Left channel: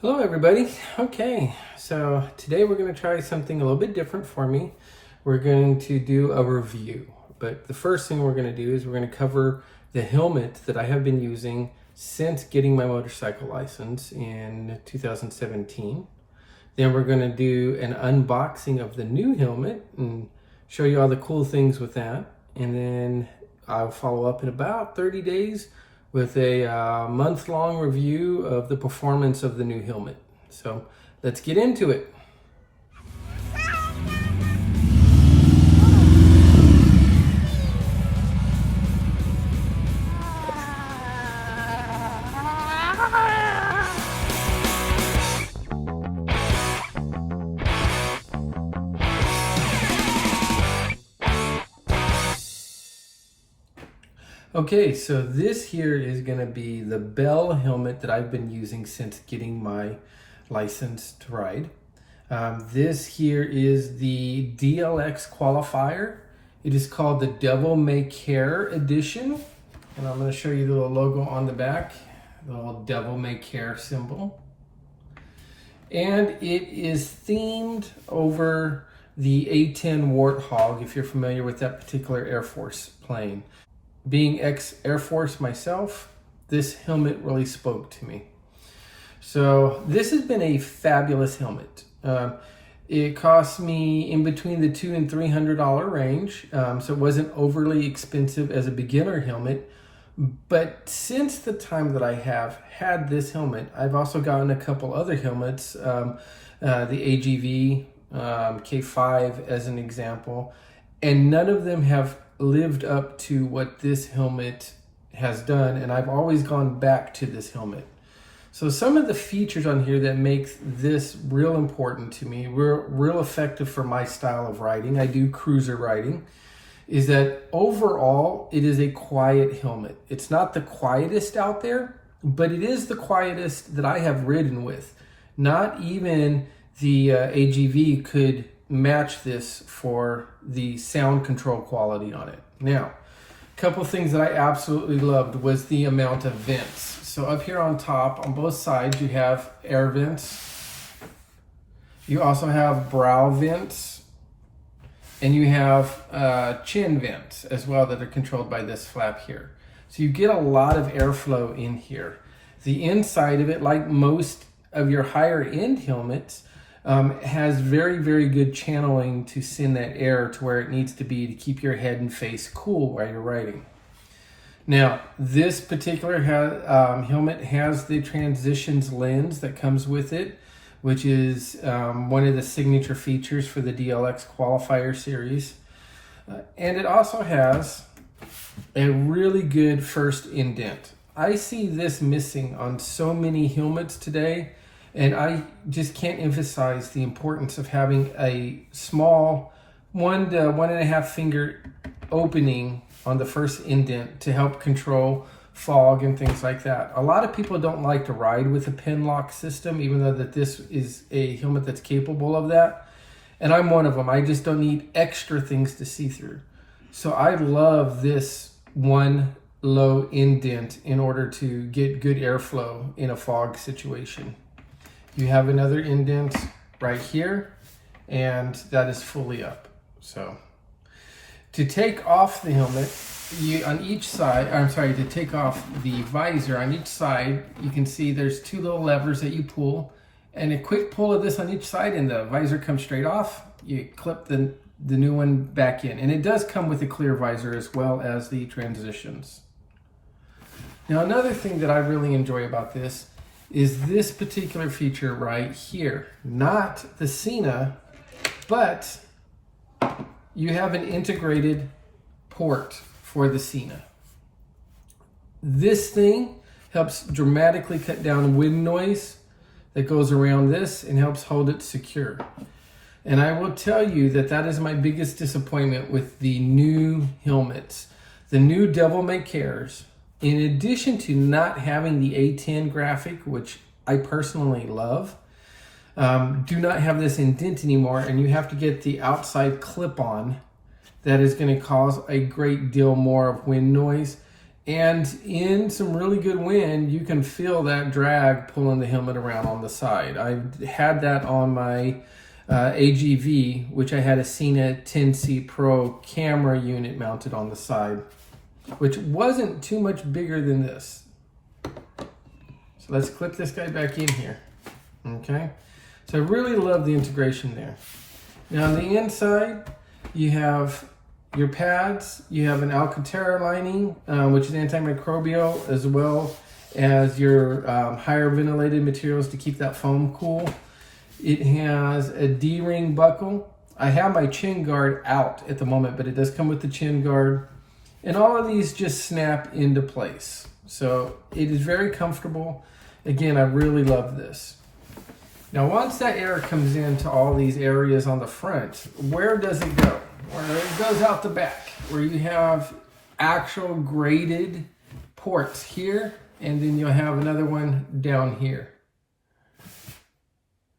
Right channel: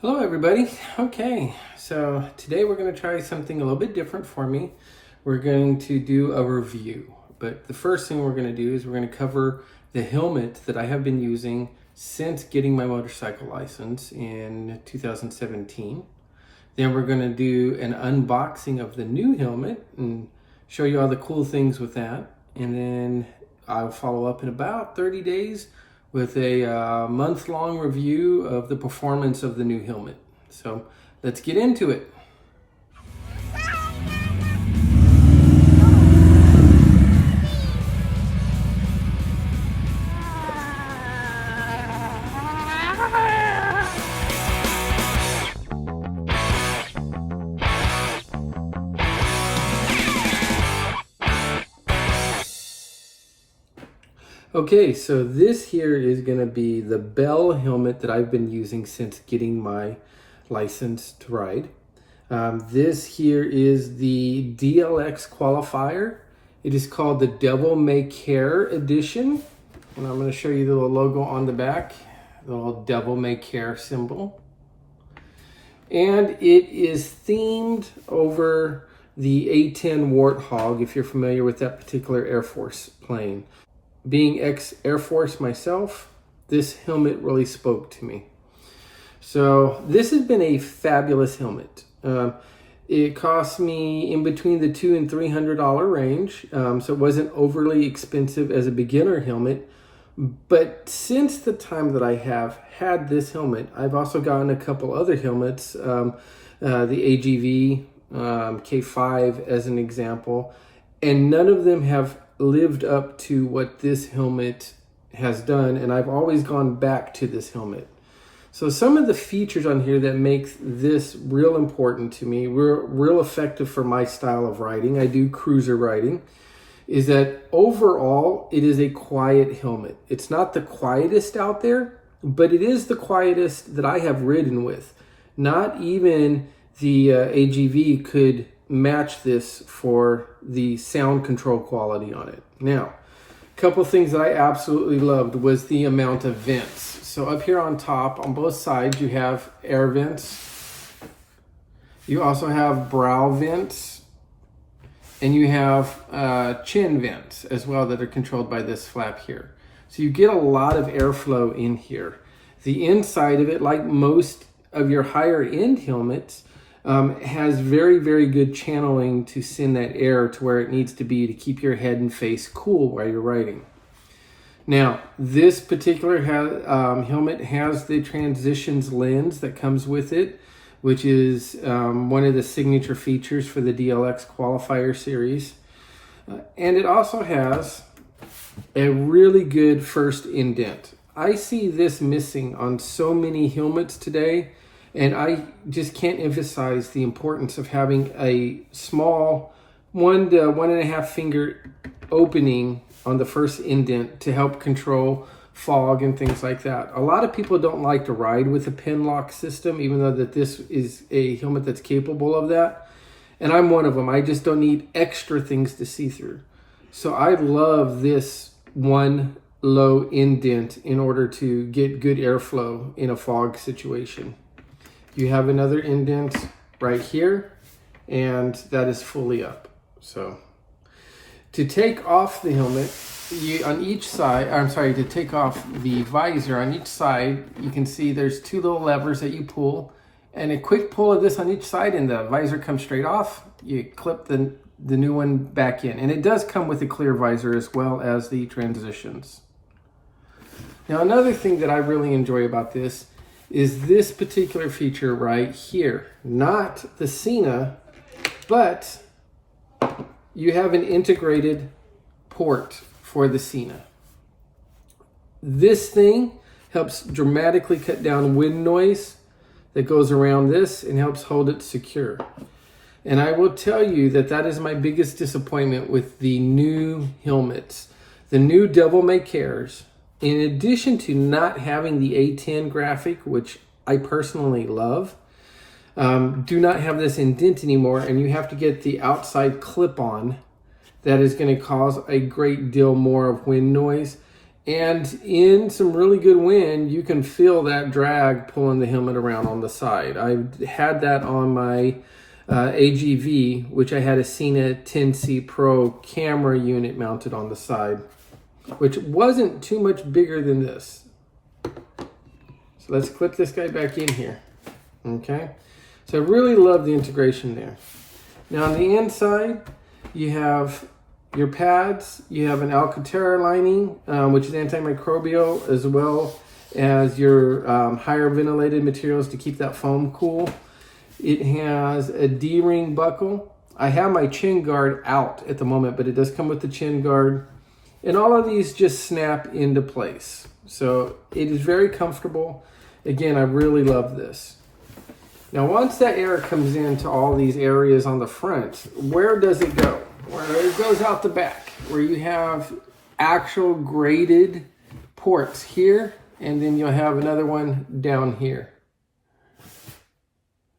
Hello everybody. Okay, so today we're going to try something a little bit different for me. We're going to do a review, but the first thing we're going to do is we're going to cover the helmet that I have been using since getting my motorcycle license in 2017. Then we're going to do an unboxing of the new helmet and show you all the cool things with that. And then I'll follow up in about 30 days with a month-long review of the performance of the new helmet. So let's get into it. Okay, so this here is going to be the Bell helmet that I've been using since getting my license to ride. This here is the DLX qualifier. It is called the Devil May Care edition. And I'm going to show you the little logo on the back, the little Devil May Care symbol. And it is themed over the A-10 Warthog, if you're familiar with that particular Air Force plane. Being ex-Air Force myself, this helmet really spoke to me. So this has been a fabulous helmet. It cost me in between the $200 and $300 range, so it wasn't overly expensive as a beginner helmet. But since the time that I have had this helmet, I've also gotten a couple other helmets, the AGV K5 as an example, and none of them have lived up to what this helmet has done, and I've always gone back to this helmet. So some of the features on here that make this real important to me, real effective for my style of riding, I do cruiser riding, is that overall it is a quiet helmet. It's not the quietest out there, but it is the quietest that I have ridden with. Not even the AGV could match this for the sound control quality on it. Now, a couple of things that I absolutely loved was the amount of vents. So up here on top, on both sides, you have air vents. You also have brow vents. And you have chin vents as well that are controlled by this flap here. So you get a lot of airflow in here. The inside of it, like most of your higher end helmets, has very, very good channeling to send that air to where it needs to be to keep your head and face cool while you're riding. Now, this particular helmet has the transitions lens that comes with it, which is one of the signature features for the DLX qualifier series. And it also has a really good first indent. I see this missing on so many helmets today, and I just can't emphasize the importance of having a small 1 to 1.5 finger opening on the first indent to help control fog and things like that. A lot of people don't like to ride with a pin lock system, even though that this is a helmet that's capable of that. And I'm one of them. I just don't need extra things to see through. So I love this one low indent in order to get good airflow in a fog situation. You have another indent right here, and that is fully up. So to take off the helmet, on each side, to take off the visor on each side, you can see there's 2 little levers that you pull, and a quick pull of this on each side and the visor comes straight off. You clip the new one back in, and it does come with a clear visor as well as the transitions. Now, another thing that I really enjoy about this is this particular feature right here. Not the Cena, but you have an integrated port for the Cena. This thing helps dramatically cut down wind noise that goes around this and helps hold it secure. And I will tell you that that is my biggest disappointment with the new helmets. The new Devil May Cares, in addition to not having the A10 graphic, which I personally love, do not have this indent anymore, and you have to get the outside clip-on that is going to cause a great deal more of wind noise. And in some really good wind, you can feel that drag pulling the helmet around on the side. I had that on my AGV, which I had a Cena 10C Pro camera unit mounted on the side, which wasn't too much bigger than this. So let's clip this guy back in here. Okay, so I really love the integration there. Now on the inside, you have your pads, you have an Alcantara lining, which is antimicrobial, as well as your higher ventilated materials to keep that foam cool. It has a D-ring buckle. I have my chin guard out at the moment, but it does come with the chin guard. And all of these just snap into place. So it is very comfortable. Again, I really love this. Now, once that air comes into all these areas on the front, where does it go? Well, it goes out the back, where you have actual graded ports here, and then you'll have another one down here.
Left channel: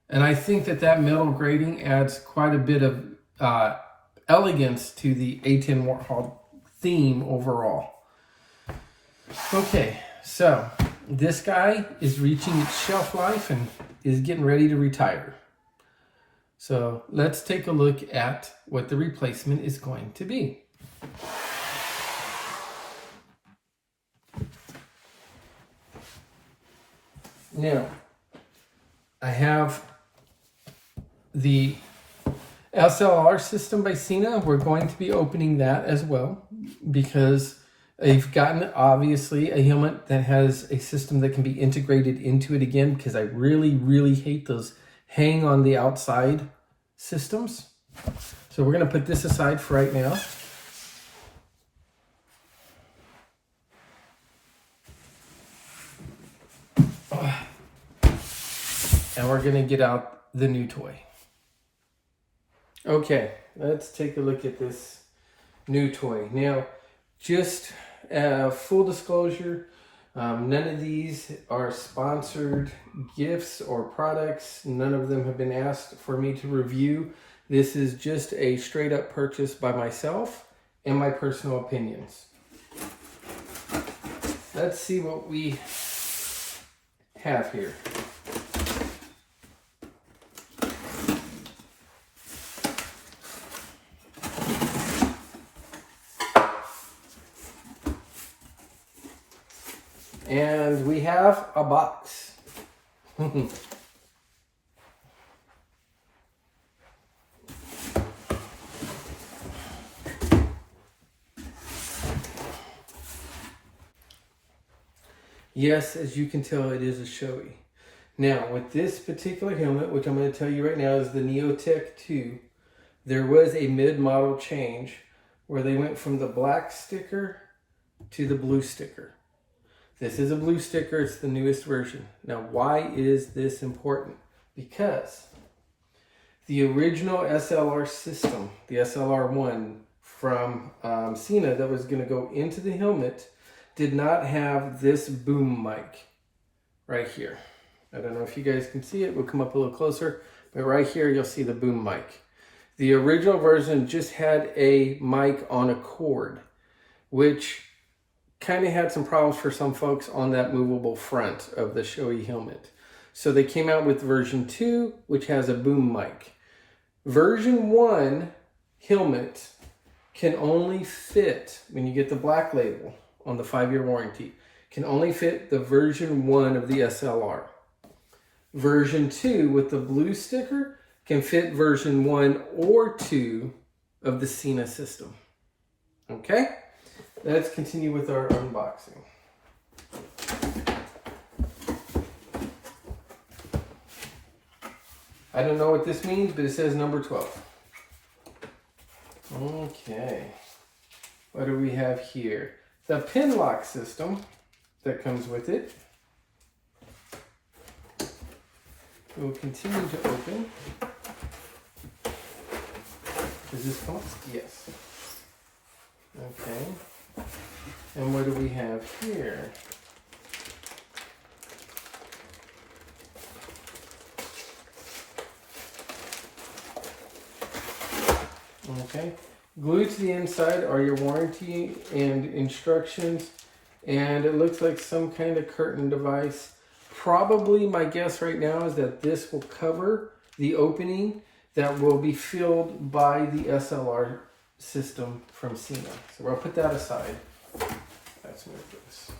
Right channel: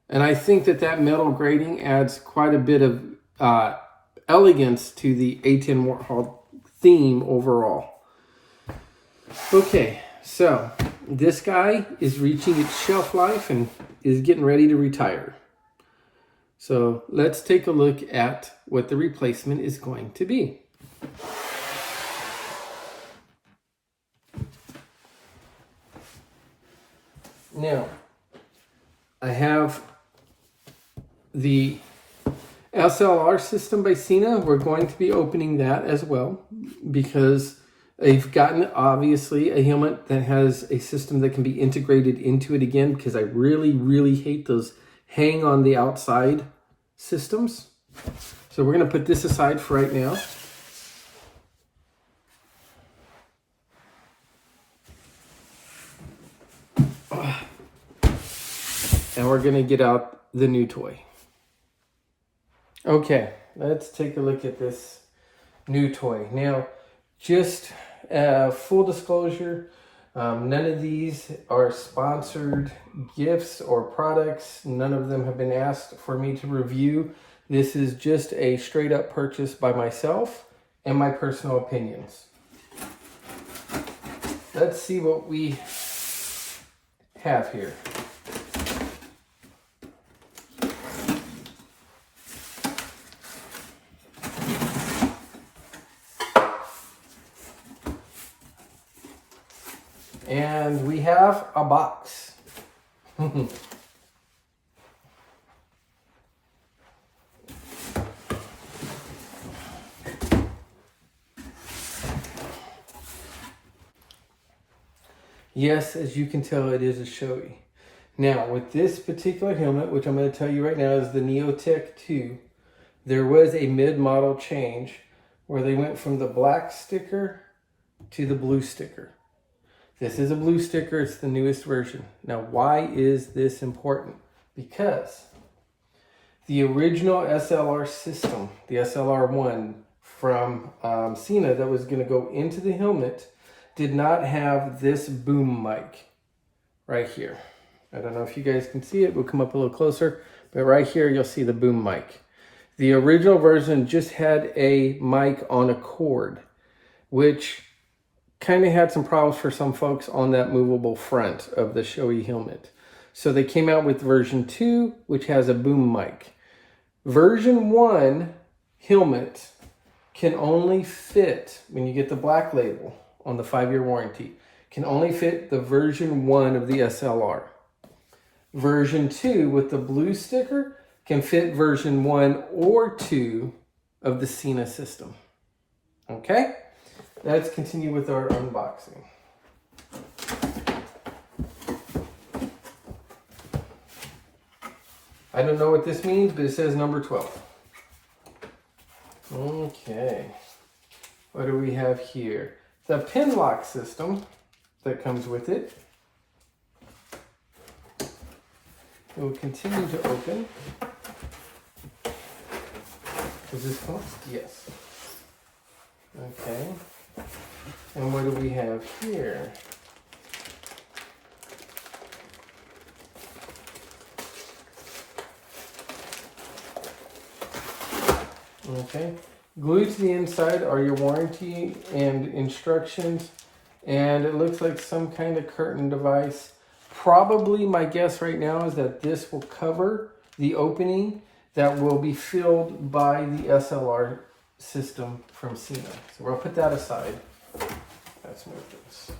And I think that that metal grating adds quite a bit of elegance to the A10 Warthog theme overall. Okay, so this guy is reaching its shelf life and is getting ready to retire. So let's take a look at what the replacement is going to be. Now, I have the SLR system by Cena. We're going to be opening that as well because I've gotten, obviously, a helmet that has a system that can be integrated into it again, because I really, really hate those hang on the outside systems. So we're going to put this aside for right now. And we're going to get out the new toy. Okay, let's take a look at this new toy. Now, just full disclosure, none of these are sponsored gifts or products. None of them have been asked for me to review. This is just a straight up purchase by myself and my personal opinions. Let's see what we have here. And we have a box. Yes, as you can tell, it is a Shoei. Now, with this particular helmet, which I'm going to tell you right now is the Neotech 2, there was a mid-model change where they went from the black sticker to the blue sticker. This is a blue sticker. It's the newest version. Now, why is this important? Because the original SLR system, the SLR1 from Cena that was going to go into the helmet, did not have this boom mic right here. I don't know if you guys can see it. We'll come up a little closer. But right here, you'll see the boom mic. The original version just had a mic on a cord, which kind of had some problems for some folks on that movable front of the Shoei helmet. So they came out with version 2, which has a boom mic. Version 1 helmet can only fit, when you get the black label on the 5-year warranty, can only fit the version 1 of the SLR. Version 2 with the blue sticker can fit version 1 or 2 of the Cena system. Okay? Let's continue with our unboxing. I don't know what this means, but it says number 12. Okay. What do we have here? The pin lock system that comes with it. It will continue to open. Does this come up? Yes. Okay. And what do we have here? Okay. Glued to the inside are your warranty and instructions. And it looks like some kind of curtain device. Probably my guess right now is that this will cover the opening that will be filled by the SLR system from Cena. So we'll put that aside. Let's move this.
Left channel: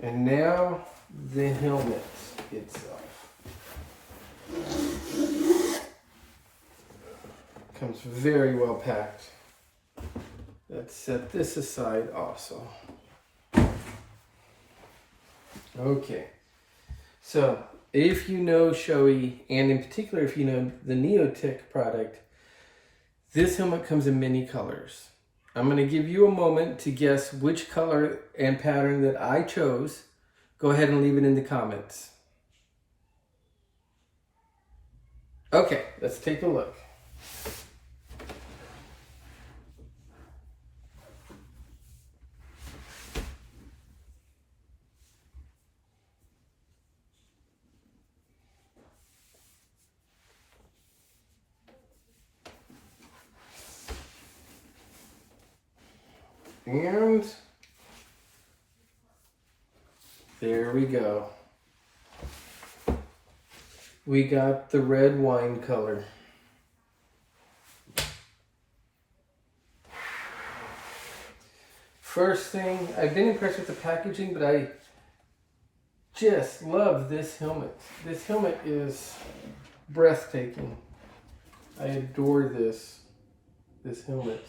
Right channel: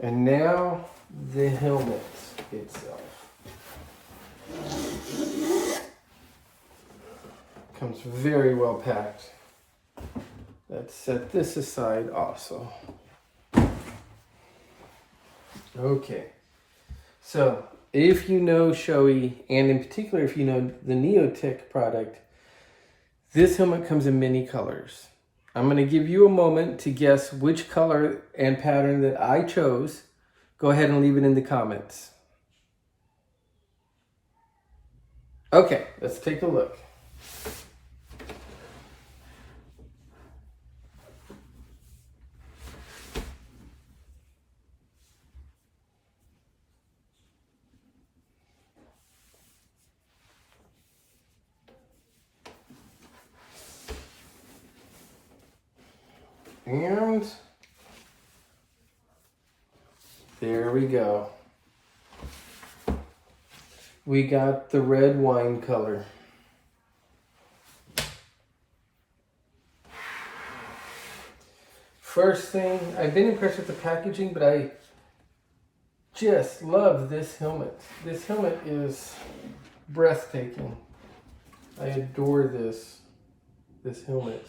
And now the helmet itself. Comes very well packed. Let's set this aside also. Okay, so if you know Shoei, and in particular if you know the Neotech product, this helmet comes in many colors. I'm going to give you a moment to guess which color and pattern that I chose. Go ahead and leave it in the comments. Okay, let's take a look. And there we go. We got the red wine color. First thing, I've been impressed with the packaging, but I just love this helmet. This helmet is breathtaking. I adore this helmet.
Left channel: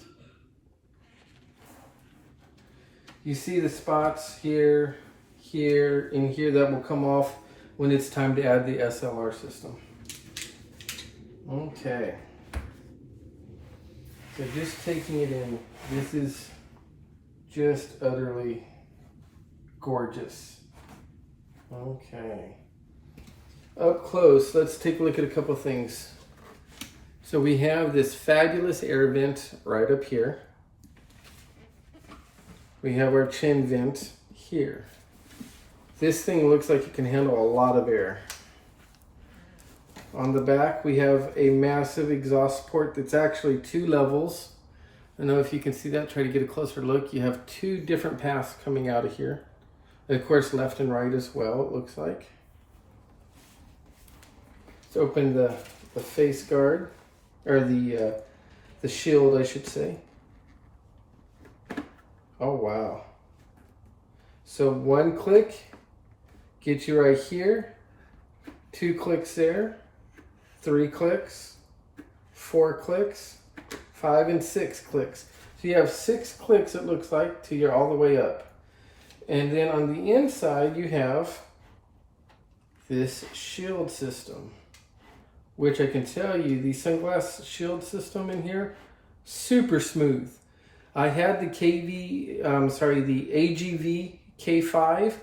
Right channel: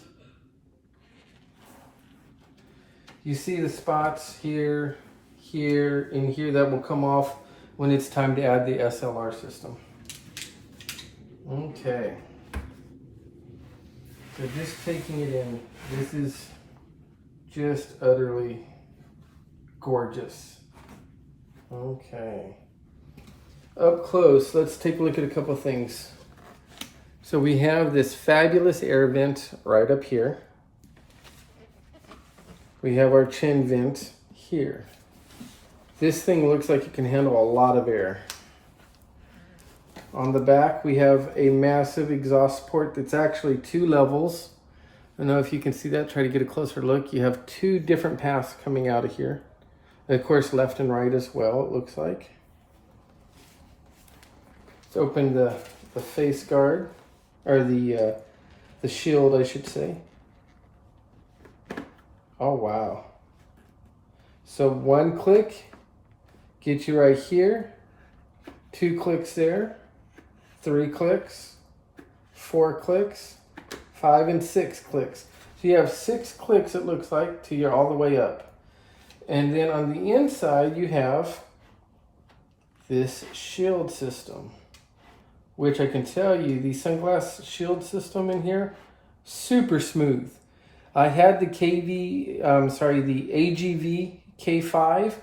You see the spots here, here, and here that will come off when it's time to add the SLR system. Okay. So just taking it in, this is just utterly gorgeous. Okay. Up close, let's take a look at a couple things. So we have this fabulous air vent right up here. We have our chin vent here. This thing looks like it can handle a lot of air. On the back, we have a massive exhaust port that's actually 2 levels. I don't know if you can see that. Try to get a closer look. You have 2 different paths coming out of here. And of course, left and right as well, it looks like. Let's open the face guard, or the shield, I should say. Oh, wow. So 1 click gets you right here, 2 clicks there, 3 clicks, 4 clicks, 5 and 6 clicks. So you have 6 clicks, it looks like, till you're all the way up. And then on the inside, you have this shield system, which I can tell you, the sunglass shield system in here, super smooth. I had the the AGV K5,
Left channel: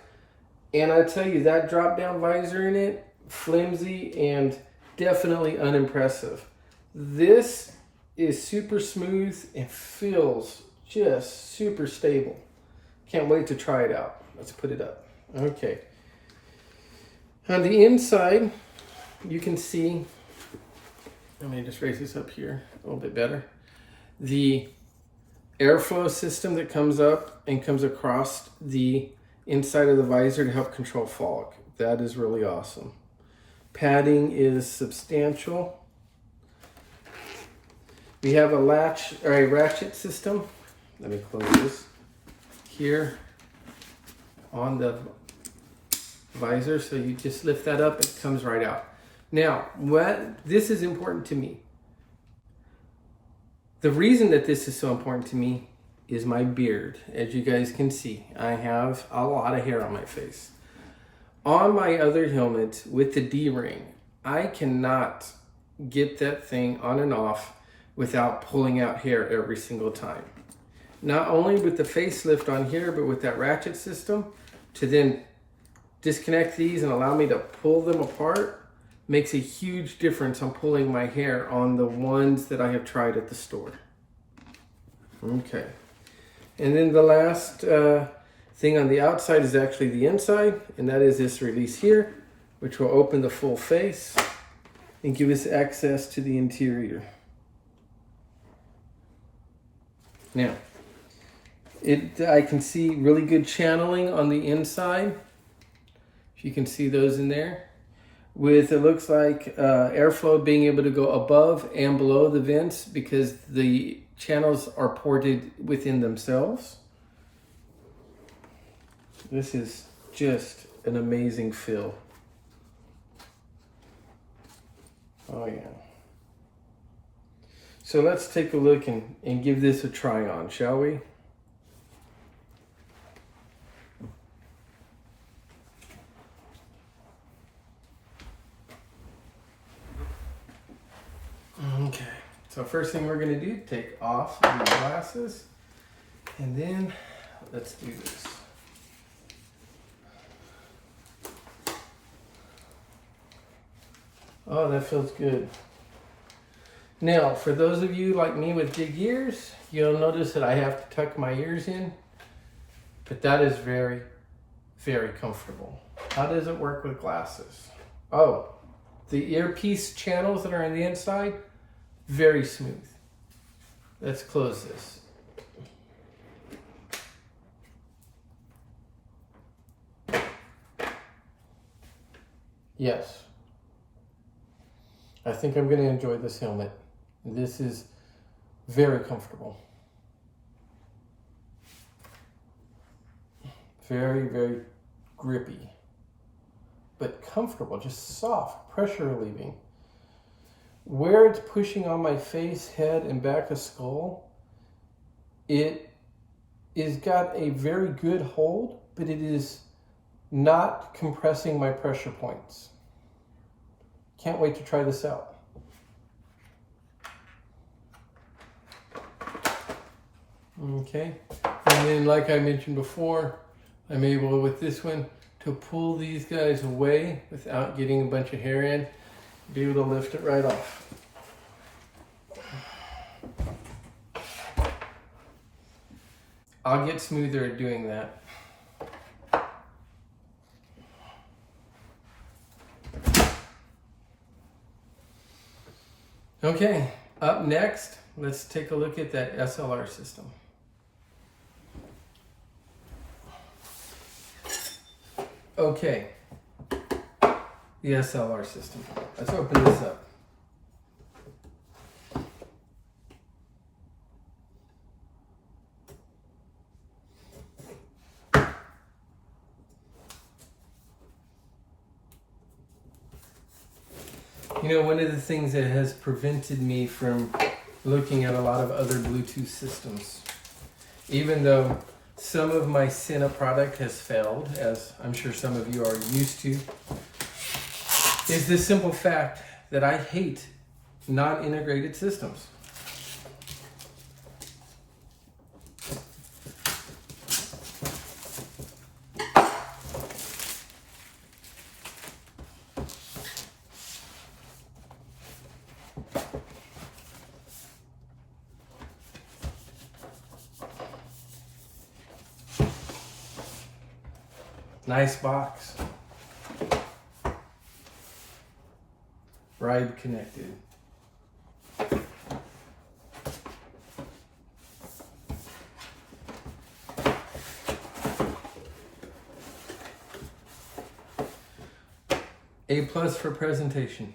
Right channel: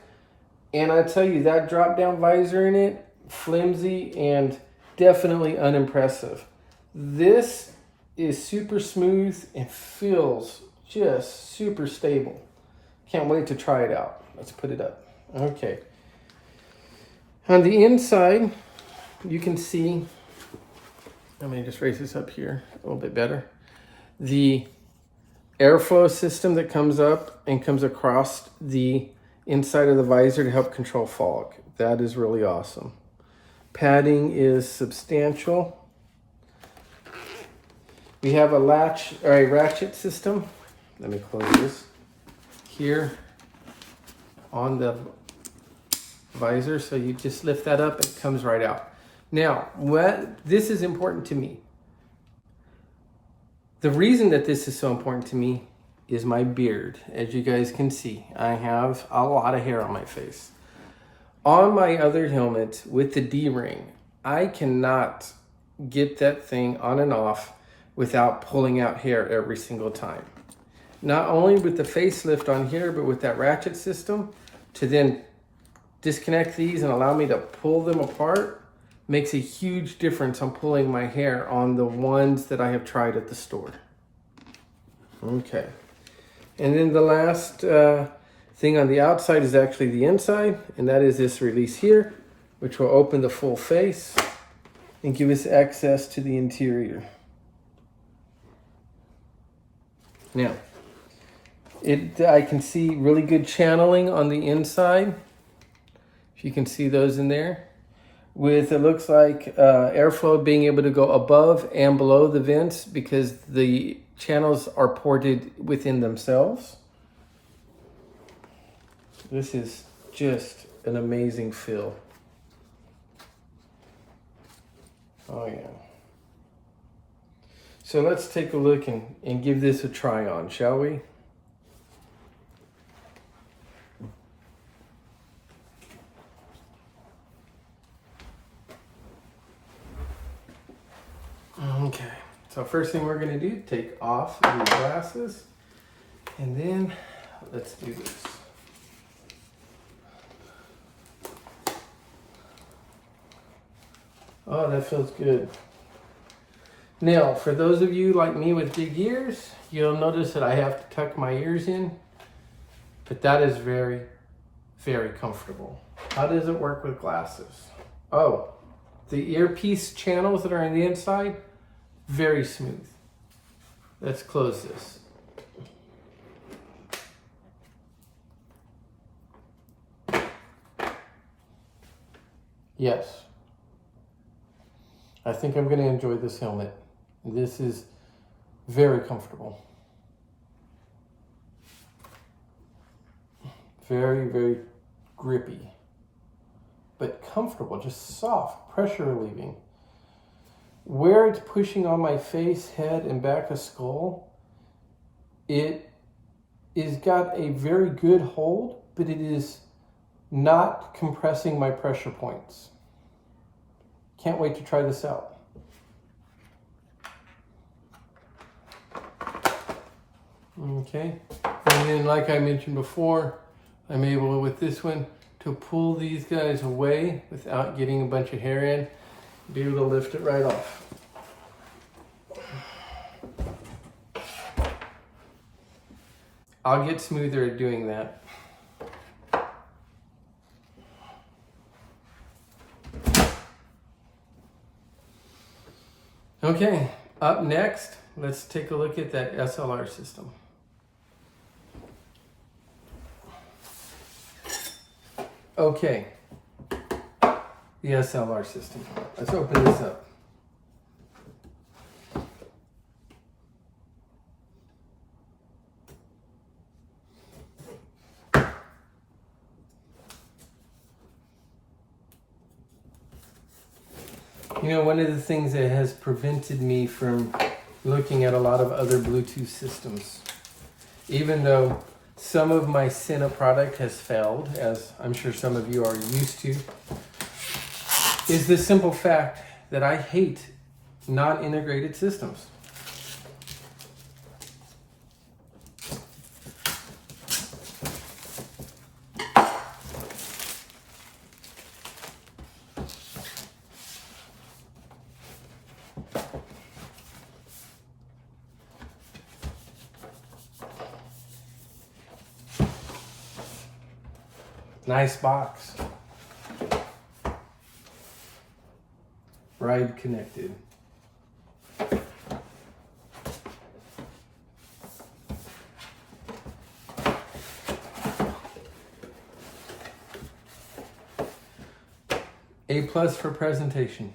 and I tell you, that drop-down visor in it, flimsy and definitely unimpressive. This is super smooth and feels just super stable. Can't wait to try it out. Let's put it up. Okay. On the inside, you can see, let me just raise this up here a little bit better. The airflow system that comes up and comes across the inside of the visor to help control fog. That is really awesome. Padding is substantial. We have a latch or a ratchet system. Let me close this here on the visor. So you just lift that up and it comes right out. Now, this is important to me. The reason that this is so important to me is my beard. As you guys can see, I have a lot of hair on my face. On my other helmet with the D-ring, I cannot get that thing on and off without pulling out hair every single time. Not only with the facelift on here, but with that ratchet system to then disconnect these and allow me to pull them apart makes a huge difference on pulling my hair on the ones that I have tried at the store. Okay. And then the last thing on the outside is actually the inside, and that is this release here, which will open the full face and give us access to the interior. Now, I can see really good channeling on the inside. If you can see those in there. With, it looks like airflow being able to go above and below the vents because the channels are ported within themselves. This is just an amazing fill. Oh yeah. So let's take a look and give this a try on, shall we? Okay, so first thing we're going to do, take off the glasses, and then let's do this. Oh, that feels good. Now, for those of you like me with big ears, you'll notice that I have to tuck my ears in, but that is very, very comfortable. How does it work with glasses? Oh, the earpiece channels that are on the inside, very smooth. Let's close this. Yes. I think I'm going to enjoy this helmet. This is very comfortable. Very, very grippy, but comfortable, just soft, pressure relieving. Where it's pushing on my face, head, and back of skull, it is got a very good hold, but it is not compressing my pressure points. Can't wait to try this out. Okay, and then like I mentioned before, I'm able with this one to pull these guys away without getting a bunch of hair in. Be able to lift it right off. I'll get smoother at doing that. Okay, up next, let's take a look at that SLR system. Okay, the SLR system. Let's open this up. You know, one of the things that has prevented me from looking at a lot of other Bluetooth systems, even though some of my Sena product has failed, as I'm sure some of you are used to, is the simple fact that I hate non-integrated systems. Nice box. Ride connected. A+ for presentation.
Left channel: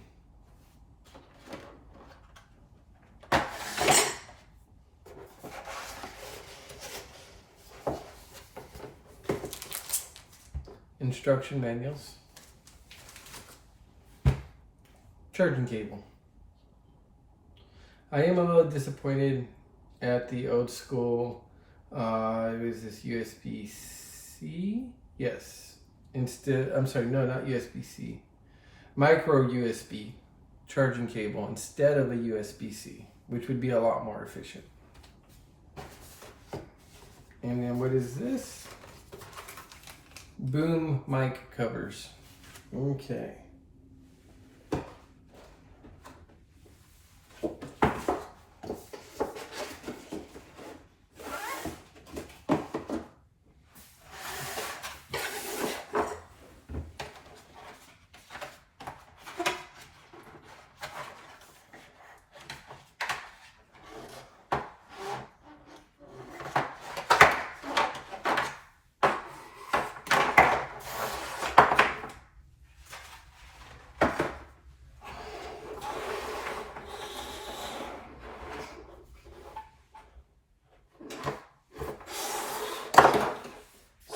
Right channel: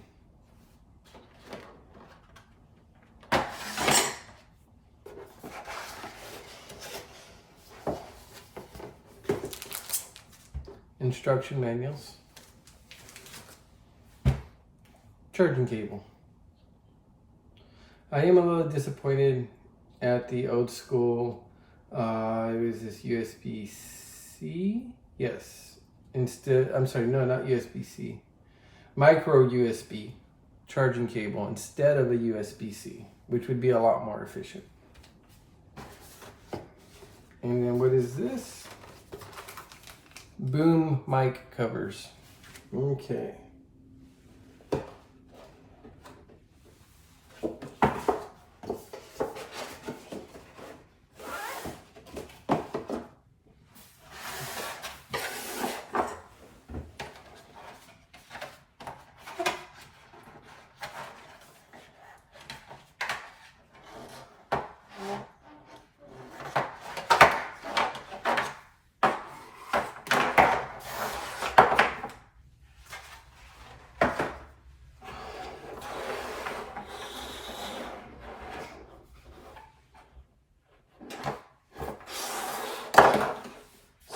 Instruction manuals. Charging cable. I am a little disappointed at the old school, it was this USB-C? Yes. Instead, I'm sorry, no, not USB-C. Micro USB charging cable instead of a USB-C, which would be a lot more efficient. And then what is this? Boom mic covers. Okay.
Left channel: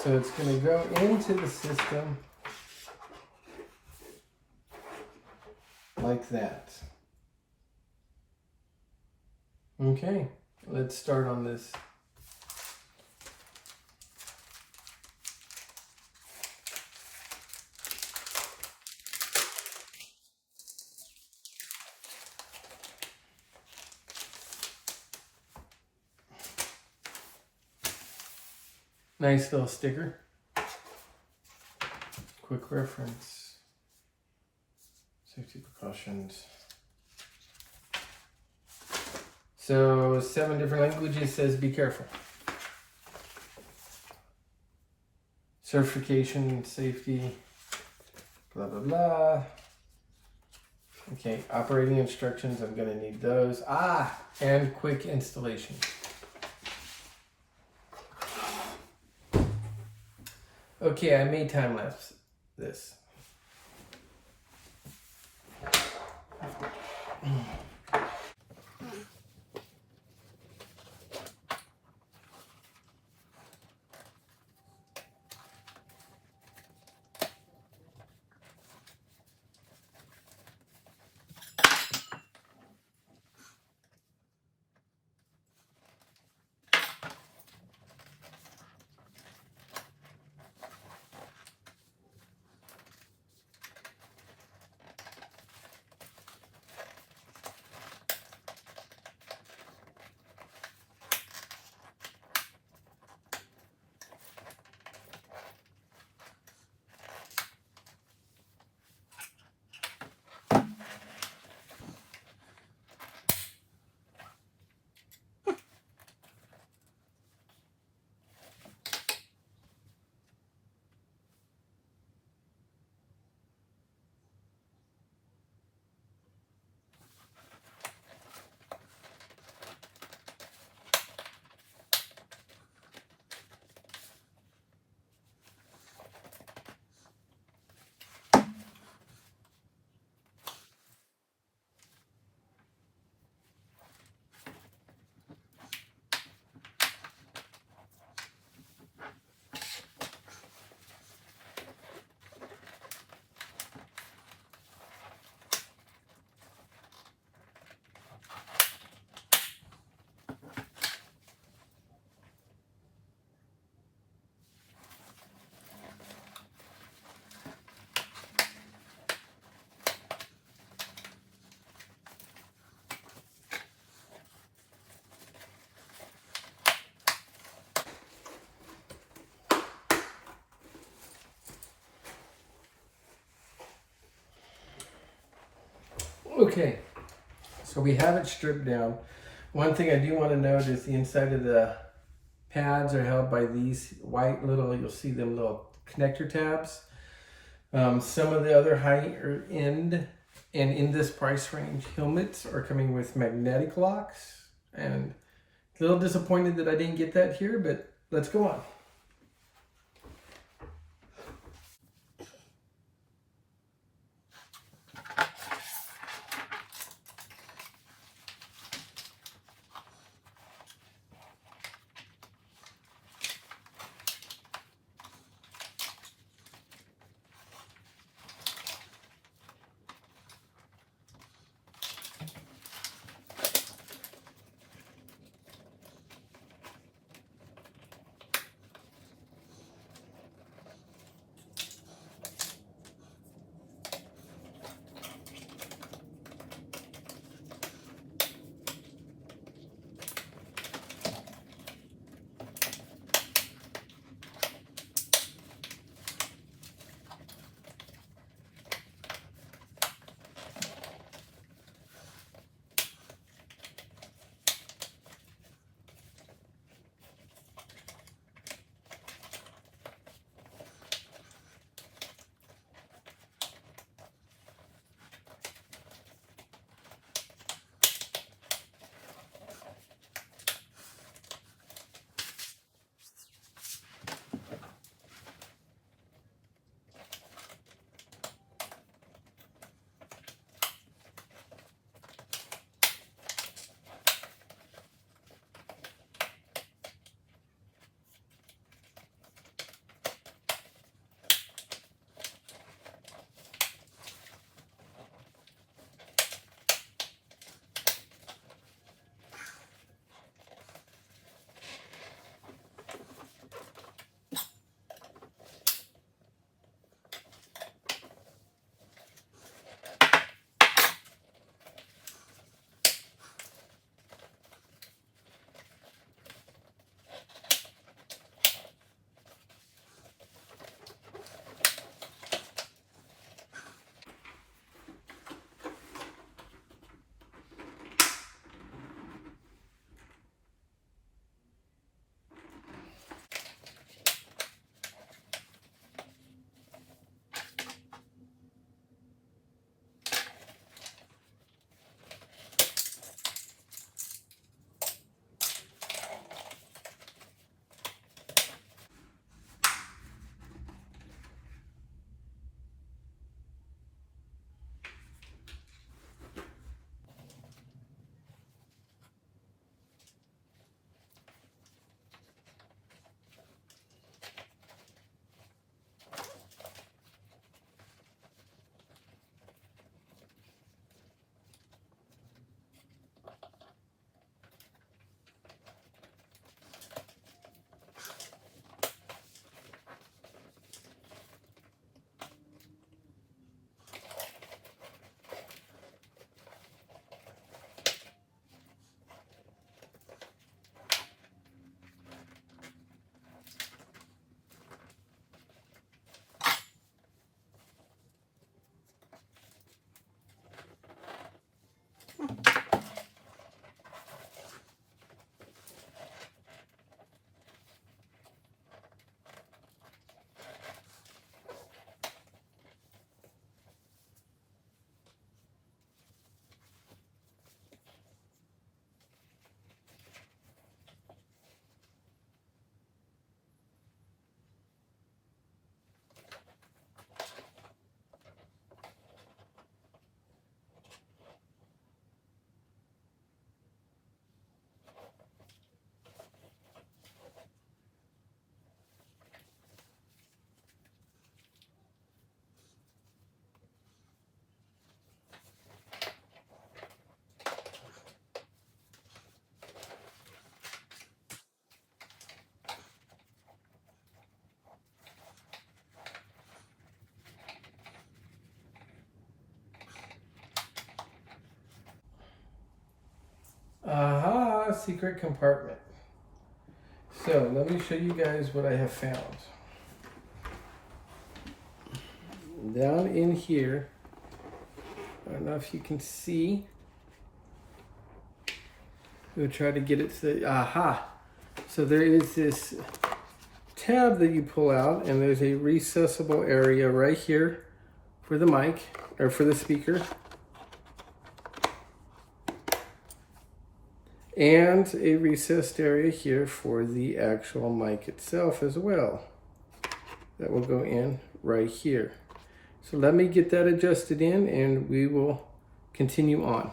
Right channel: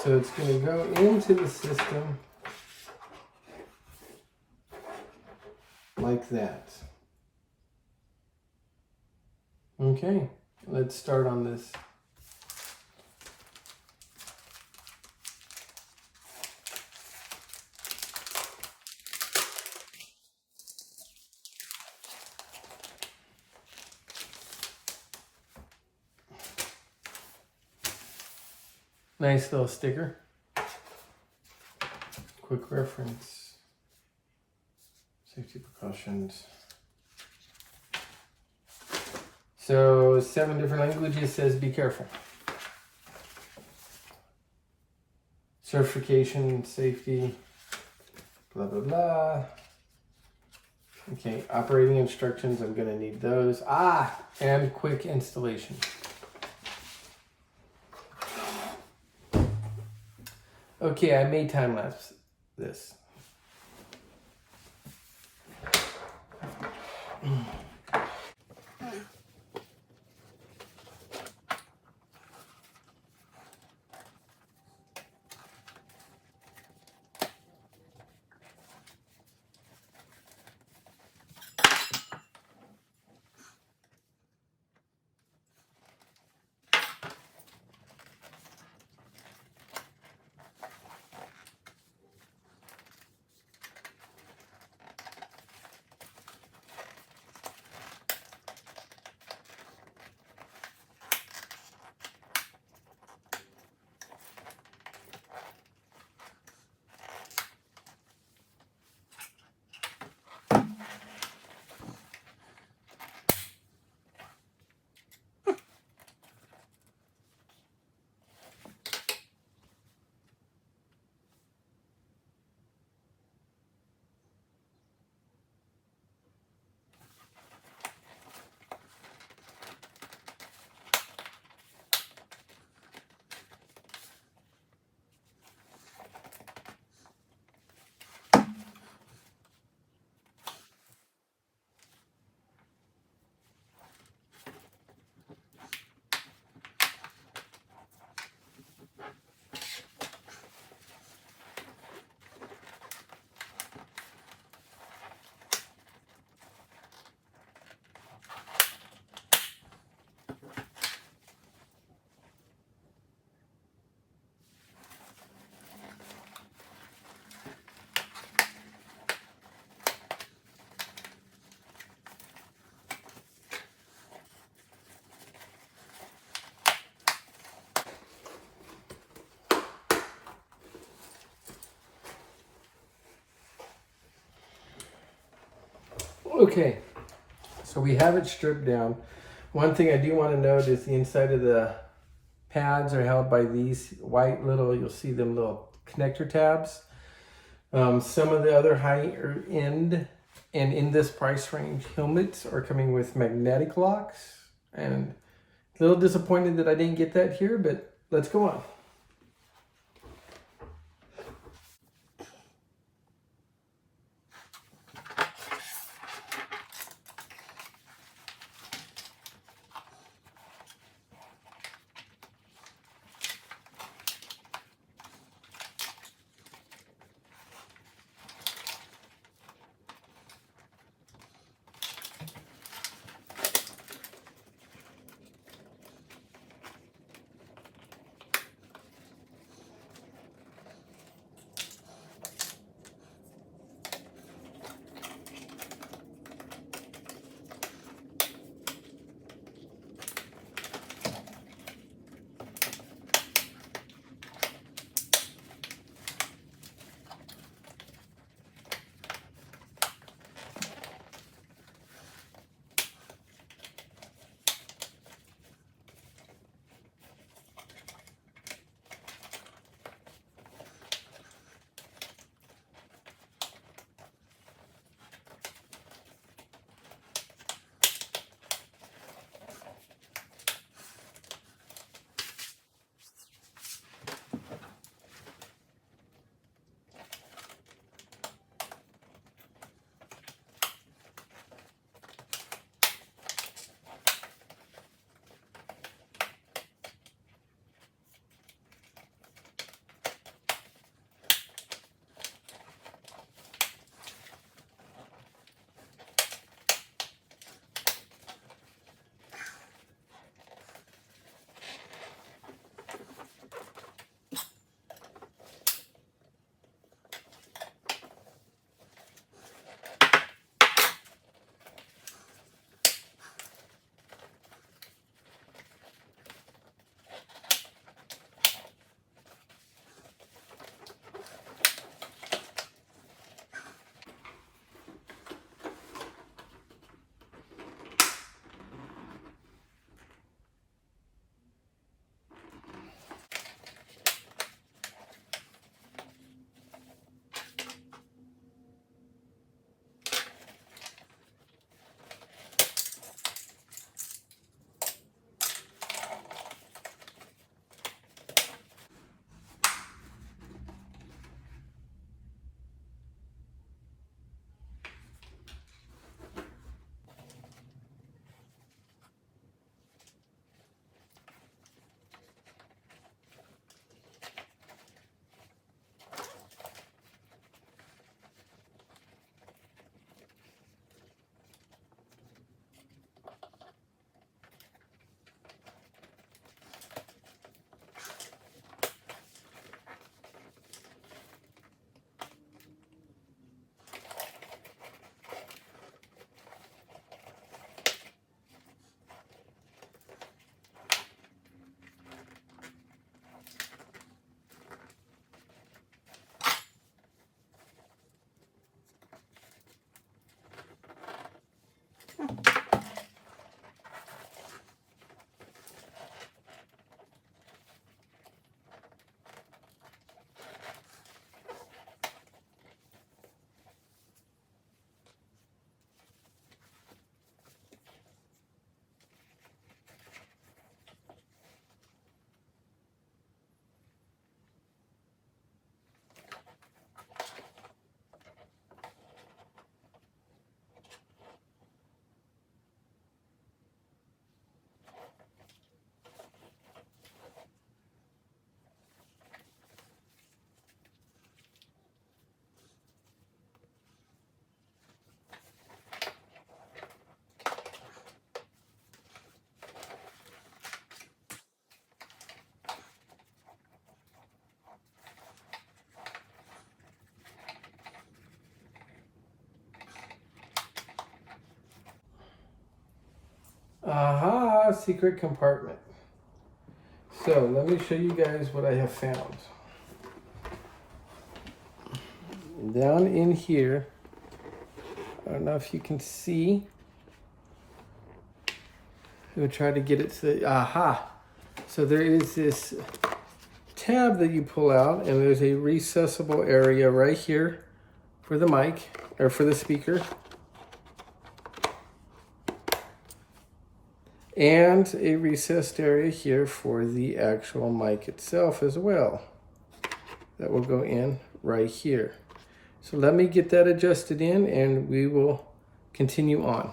So it's going to go into the system like that. Okay, let's start on this. Nice little sticker. Quick reference. Safety precautions. So 7 different languages says be careful. Certification, safety, blah, blah, blah. Okay, operating instructions, I'm gonna need those. And quick installation. Okay, I may time lapse this. Okay, so we have it stripped down. One thing I do want to note is the inside of the pads are held by these white little, you'll see them little connector tabs. Some of the other higher end and in this price range helmets are coming with magnetic locks, and a little disappointed that I didn't get that here, but let's go on. Aha, secret compartment. So let me show you guys what I have found. Down in here, I don't know if you can see. We'll try to get it to, aha. So there is this tab that you pull out, and there's a recessable area right here for the mic, or for the speaker. And a recessed area here for the actual mic itself as well. That will go in right here. So let me get that adjusted in and we will continue on.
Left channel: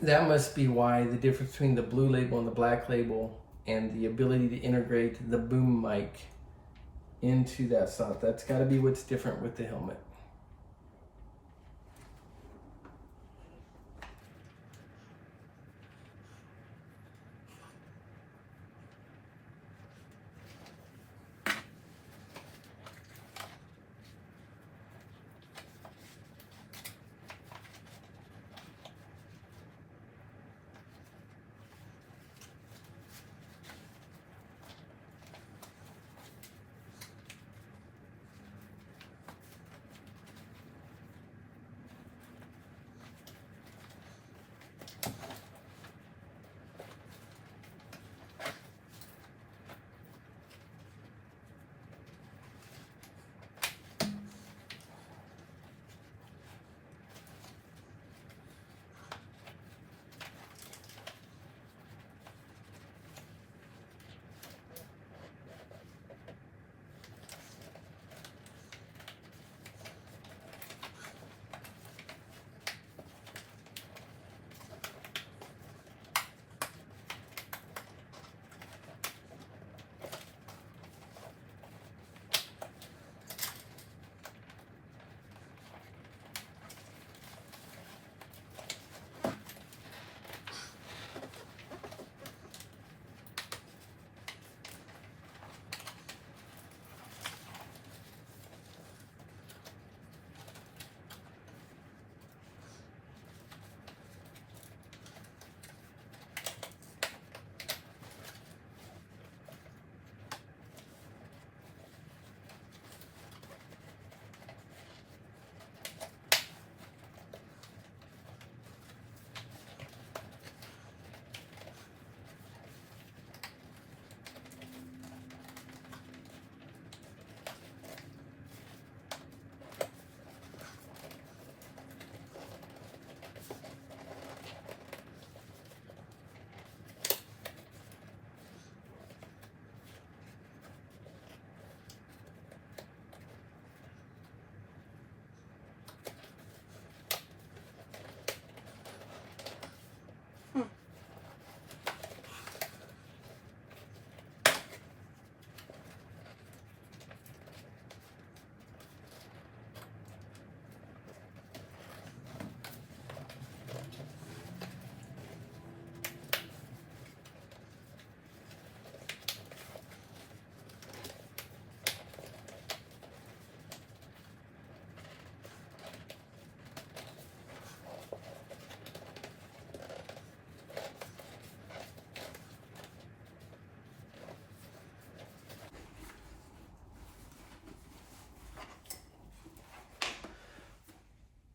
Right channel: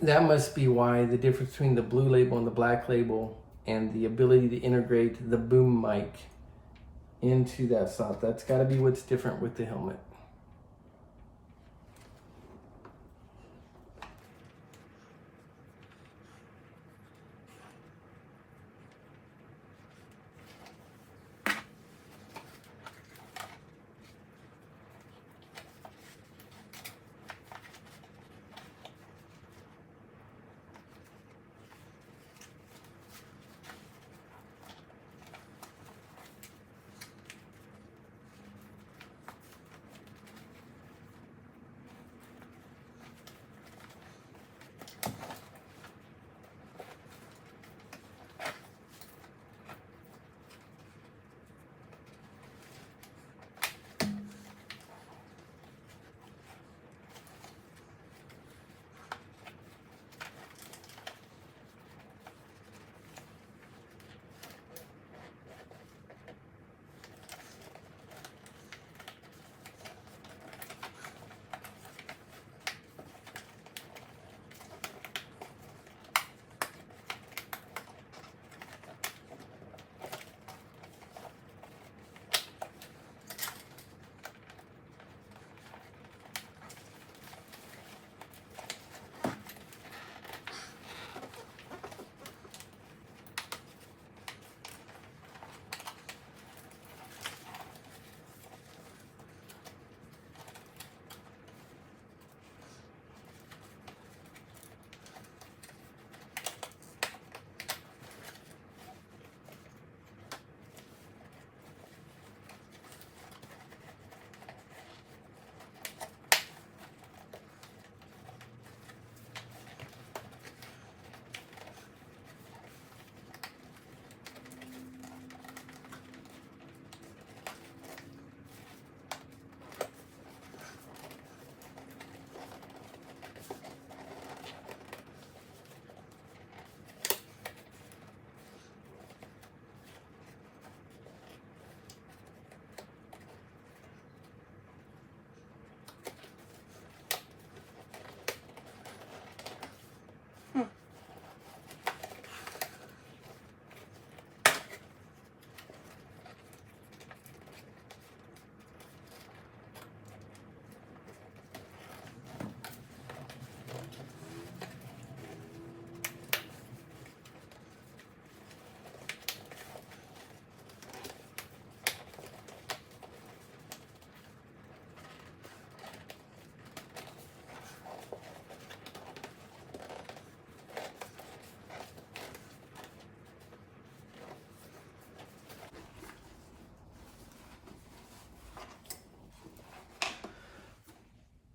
That must be why the difference between the blue label and the black label and the ability to integrate the boom mic into that slot. That's got to be what's different with the helmet.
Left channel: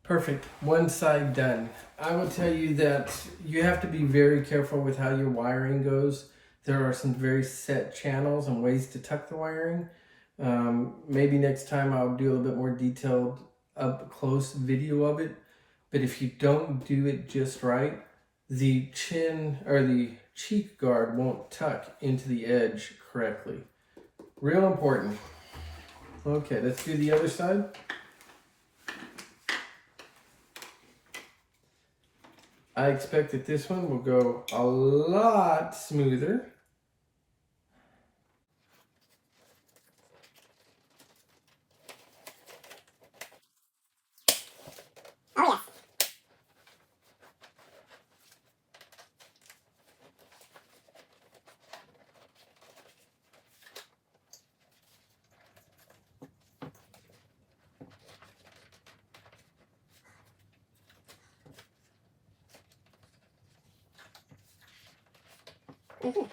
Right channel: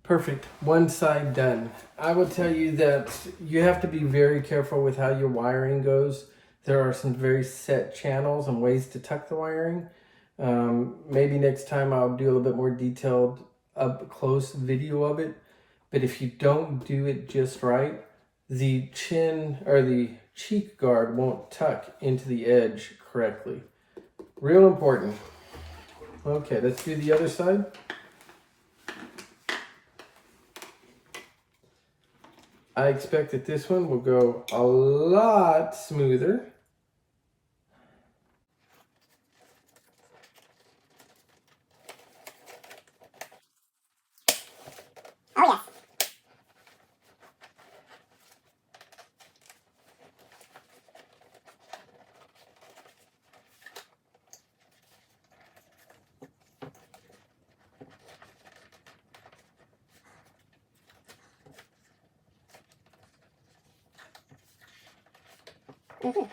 Perfect, one side done. I will tell you that you have to be very careful with how your wiring goes. There are some very set channels and ways to tuck the wiring. Maybe next time I'll do a little bit more detailed up close video of it. But if you don't do it just right, the chin or the cheek guard won't tuck into the edge correctly. Real important. Okay, let's do the other side. I expect that this one will go a lot smoother. Oh, yes. Mm-hmm.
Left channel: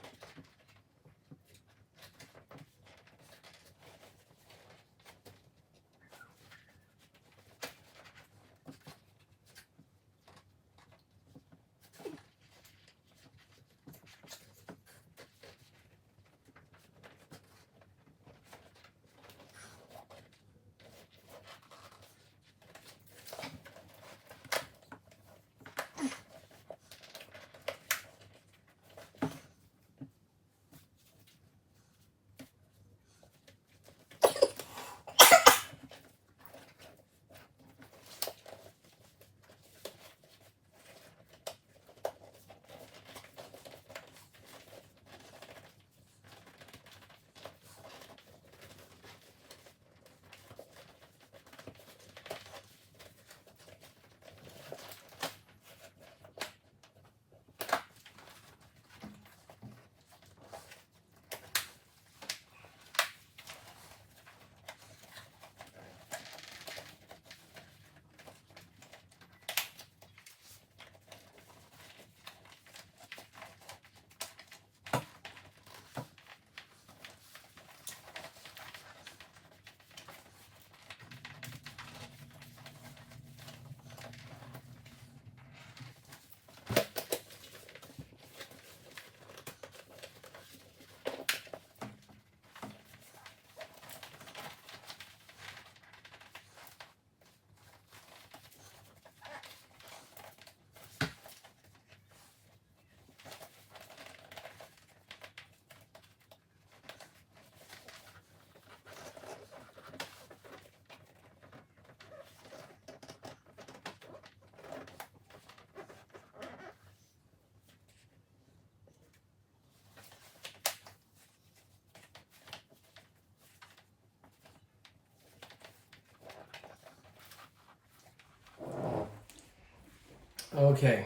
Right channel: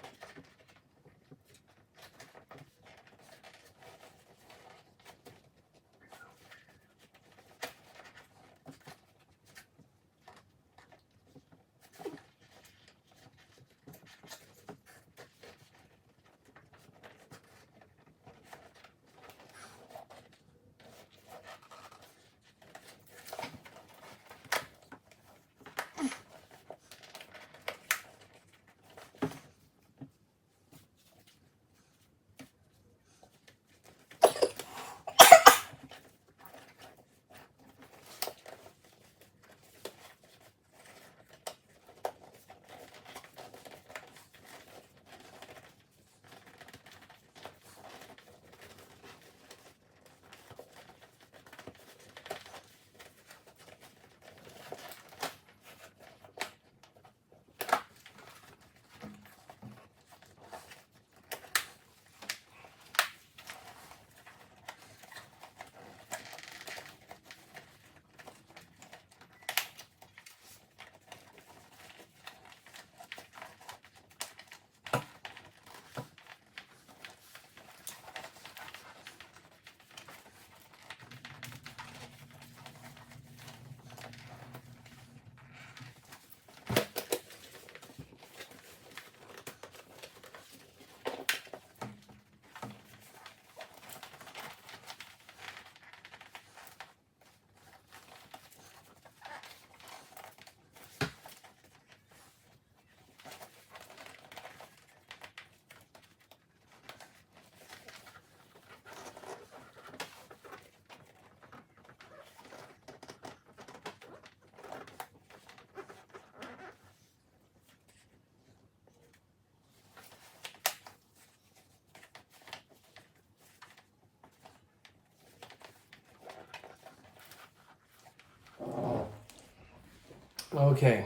Okay,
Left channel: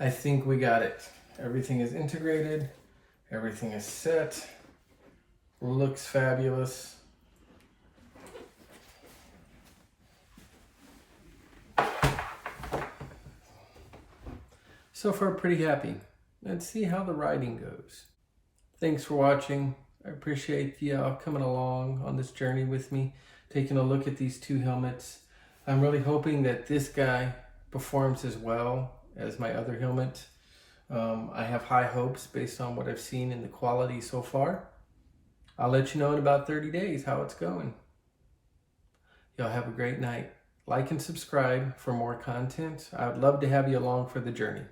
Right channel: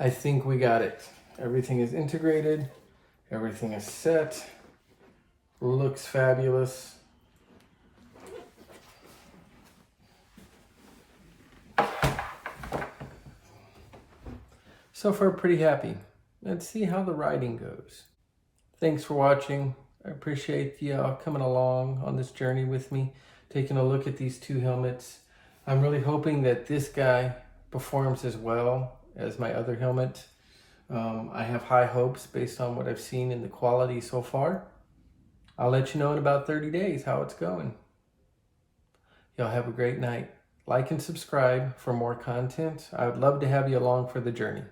I think we got it. Everything is integrated, everything is set, looks fabulous. So far, pretty happy. Let's see how the riding goes. Thanks for watching. I appreciate you coming along on this journey with me, taking a look at these two helmets. I'm really hoping that this guy performs as well as my other helmet. I have high hopes based on what I've seen in the quality so far. I'll let you know in about 30 days how it's going. Y'all have a great night. Like and subscribe for more content. I would love to have you along for the journey.